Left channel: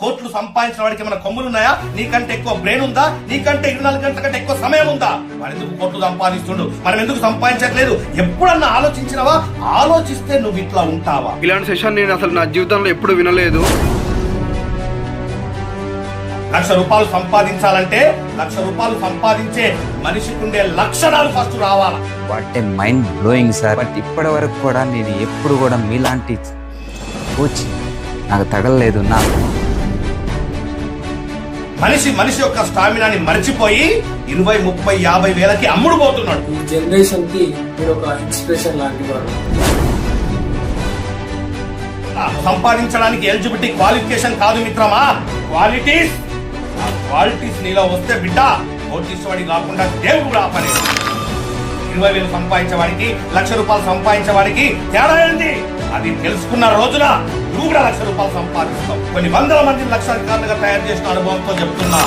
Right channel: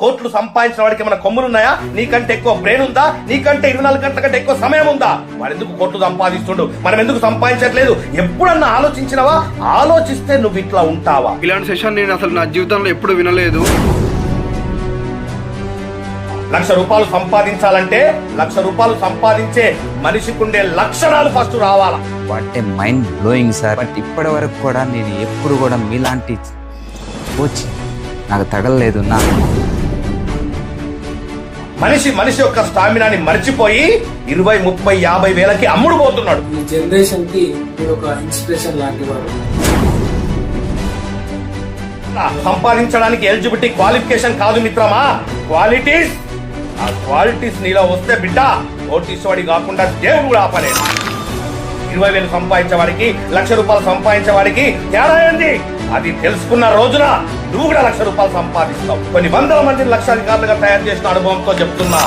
కోట్లు సంపాదించిన వాడికి ఏమైనా కొమ్ములున్నాయా? నీకంటే ఎక్కువ బ్రెయిన్ ఉందా? నీకంటే 24 గంటల కంటే ఎక్కువ సమయం ఉందా? వాడు ఎందుకు కోట్లు సంపాదిస్తుండు, మనం ఎందుకు సంపాదించట్లేదు? ఎప్పుడన్నా ఆలోచించినవా? ఆలోచిస్తే నువ్వు ఇట్లా ఉంటావా? ఇలాంటి సెషన్ నేను అసలు నా జీవితంలో ఎప్పుడు వినలేదు. ₹1,00,000 సంపాదించాలంటే ₹1,00,000 సంపాదించే మనిషికుండే లక్షణాలు ఫస్ట్ రావాలా. What a mind blowing sir. But ఇప్పటి వరకు కూడా నేను ఎప్పుడు కూడా మీలాంటి కోచ్ నాకు తగలలేదు. మనిషి యొక్క స్టామినాని మర్చిపోయి 20, 30, 50 వేలకి అమ్ముడు పోతున్నాడు. ఈ జనరేషన్ కి మీరు ఒక ఇన్స్పిరేషన్ లాంటి వారు. సంపాదించడానికి ఎలిజిబిలిటీ క్వాలిఫికేషన్ కాదు మిత్రమా, క్వాలిటీస్. ఆ క్వాలిటీస్ నీలో వస్తే బిడ్డ కోటీశ్వడి కాకుండా దేవుడు కూడా ఆపలేడు. 20,000 సంపాదించేవాడికి ₹1,00,000 సంపాదించేవాడికి తేడా ఏంది? అది తెలుసుకున్న రోజున నువ్వు కూడా ₹1,00,000 సంపాదిస్తావు. కొన్ని వందల మందిని లక్షాధికారులుగా తయారు చేసిన అనుభవంతో చెప్తున్నా.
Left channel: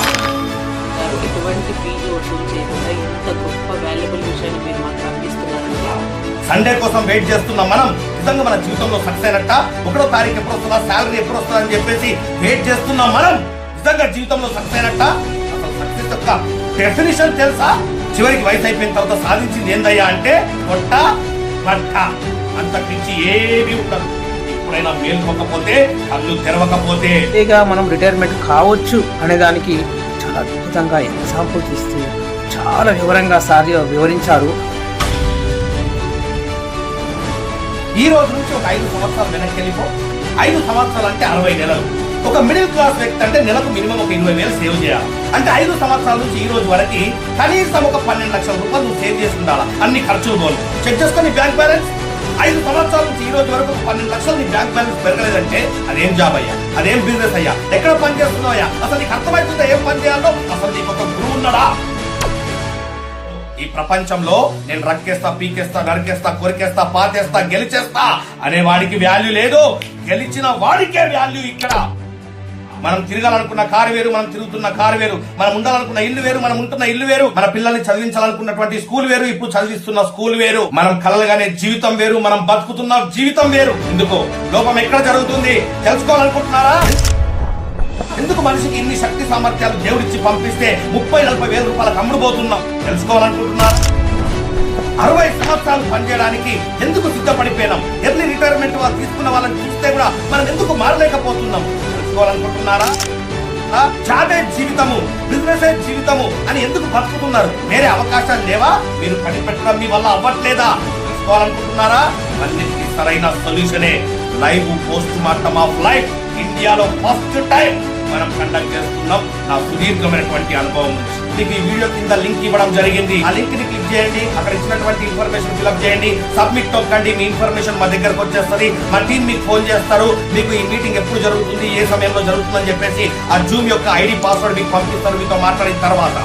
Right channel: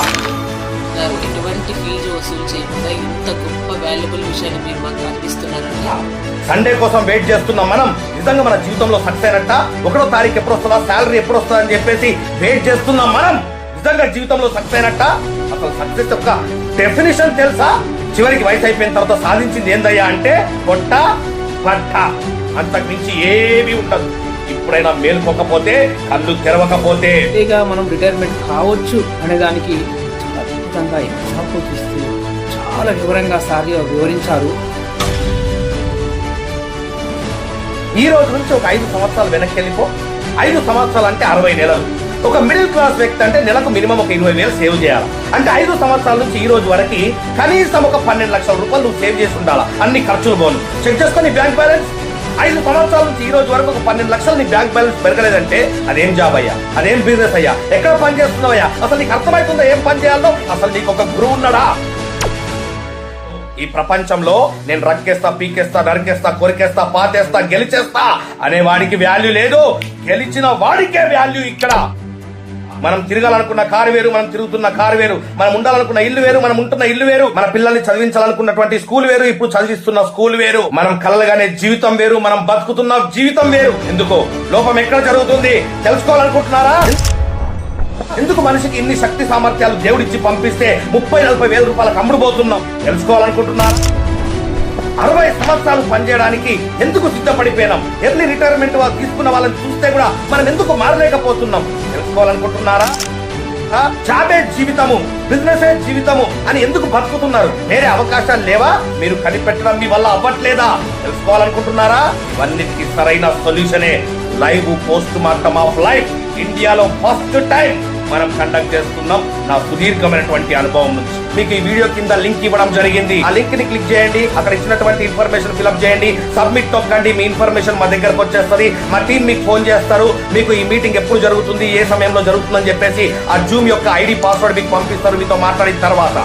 ఎటువంటి ఫీజు వసూలు చేయకుండా ఇంత గొప్ప వాల్యుబుల్ విషయాన్ని మీరు మాకు అందిస్తున్నారంటే, సండే కోసం వెయిట్ చేస్తున్నాం మనం. నిజంగా మన జీవితంలో సక్సెస్ అయినట్ట? 1వ తారీఖు ఎప్పుడు వస్తుందా, శాలరీ ఎప్పుడు వస్తుందా అని చెప్పేసి వెయిట్ చేస్తున్నాం మనం. నిజంగా జీవితంలో సక్సెస్ అయినట్ట? అసలు సక్సెస్ యొక్క డెఫినేషన్ తెలుసా? చివరికి వయసు అయిపోయిన తర్వాత సాధించింది ఏందయ్యా అంటే పొట్ట పట్ట, అంతకు మించి ఏమీ ఉండదు. ఇప్పుడైనా మేలుకోకపోతే, కళ్ళు తెరవకపోతే మనం రిటైర్మెంట్ కావచ్చు అనే దానికి చాలా అద్భుతంగా ఎగ్జాంపుల్స్ ఇస్తూ చాలా వివరంగా సార్ వివరించారు. ఈ రోజు నుంచి ఒక 5 సంవత్సరాలు వెనక్కి వెళ్ళిపో. 5 సంవత్సరాలు అంటే 60 నెలలు. ఒక మిడిల్ క్లాస్ వ్యక్తి అంటే నెలకు మినిమం ఒక 20,000 సేవ్ చేయాలి. అంటే 5 సంవత్సరాల నుంచి ఈ రోజు వరకు కనీసం ఒక ₹12 లక్షల నువ్వు సేవ్ చేసి ఉండాలా. అన్ని ఖర్చులు పోను చెక్ చేసుకొని బ్యాంక్ బ్యాలెన్స్. 5 సంవత్సరాల నుంచి ఈ రోజు వరకు ఒక 12 లక్షలు నీ బ్యాంక్ బ్యాలెన్స్ పెరగలేదంటే అదేం జాబ్ అయ్యా, అదేం బిజినెస్ అయ్యా, ఎక్కడ పని చేస్తున్నావయ్యా? అసలు నీకు అర్థమవుతుందా ఏం పని చేయాలో? అసలు నీకు ఒక గురువు ఉన్నాడా? ఈ ప్రపంచంలో నేను రక్కేస్తా, పీకేస్తా, నరికేస్తా, కొరికేస్తా, పాతేస్తా, గెలిచేస్తా అనే వాడికి వాల్యూ లేదు. గెలిచిన వాడికే వాల్యూ ఇక్కడ. మనం తిరగాలనుకున్న కారు వేరు, మనం తిరుగుతున్న కారు వేరు. మనం ఉండాలనుకున్న ఇల్లు వేరు, మనం ఉంటున్న ఇల్లు వేరు. మన పిల్లల్ని చదివించాలనుకున్నటువంటి స్కూల్ వేరు, ఇప్పుడు చదివిస్తున్న స్కూల్ వేరు. మనం కలలుగానే జీవితం వేరు, మనం బతుకుతున్న జీవితం వేరు. ఎందుకు లోపం ఎక్కడ జరుగుతుంది తెలుసుకోవాలనుకుంటున్నారా? ఎందుకు మనిషికి ఇన్ని శక్తి సామర్థ్యాలు దేవుడిచ్చి పంపిస్తే 30-40 వేల రూపాయలకు అమ్ముడుపోతున్నాం తెలుసుకోవాలనుకుంటున్నారు? 60 సంవత్సరాలు పనిచేయడానికి ఎందుకు సిద్ధపడిపోయినాం? ఎర్లీ రిటైర్మెంట్ వాళ్ళు తీసుకున్న వాళ్ళని చూస్తే కూడా మనం ఎందుకు మారలేకపోతున్నాం తెలుసుకోవాలనుకుంటున్నారా? జాబే జీవితము, బిజినెస్ జీవితము అని ఎందుకు బతుకుతున్నారు? వేరే అవకాశాలు లేవా? మీరు కనిపెట్టడం మీ వల్ల అవ్వట్లేదా తెలుసుకోవాలనుకుంటున్నారా? ఇవన్నిటికీ సరైన సొల్యూషనే live post mortem of life. ఇండియాలో ఫస్ట్ టైం మనం కండక్ట్ చేస్తున్నాం నా సుదీర్ఘమైనటువంటి అనుభవం నుంచి. మీకు ఈ వీడియో కింద లింక్ ఇవ్వడం జరిగింది. ఆ లింక్ ని క్లిక్ చేయండి. అక్కడ ఇచ్చినటువంటి ఇన్ఫర్మేషన్ ఫిల్అప్ చేయండి. సబ్మిట్ తొక్కండి. మీ ఇన్ఫర్మేషన్ మా దగ్గరకు వచ్చేస్తుంది. మా టీం మీకు ఫోన్ చేస్తారు. మీకు ఈ మీటింగ్ ఎప్పుడు జరుగుతుంది, ఏ సమయంలో జరుగుతుందని చెప్పేసి ఆ జూమ్ యొక్క ఐడి పాస్వర్డ్ మీకు పంపిస్తారు మీతో మాట్లాడిన తర్వాత.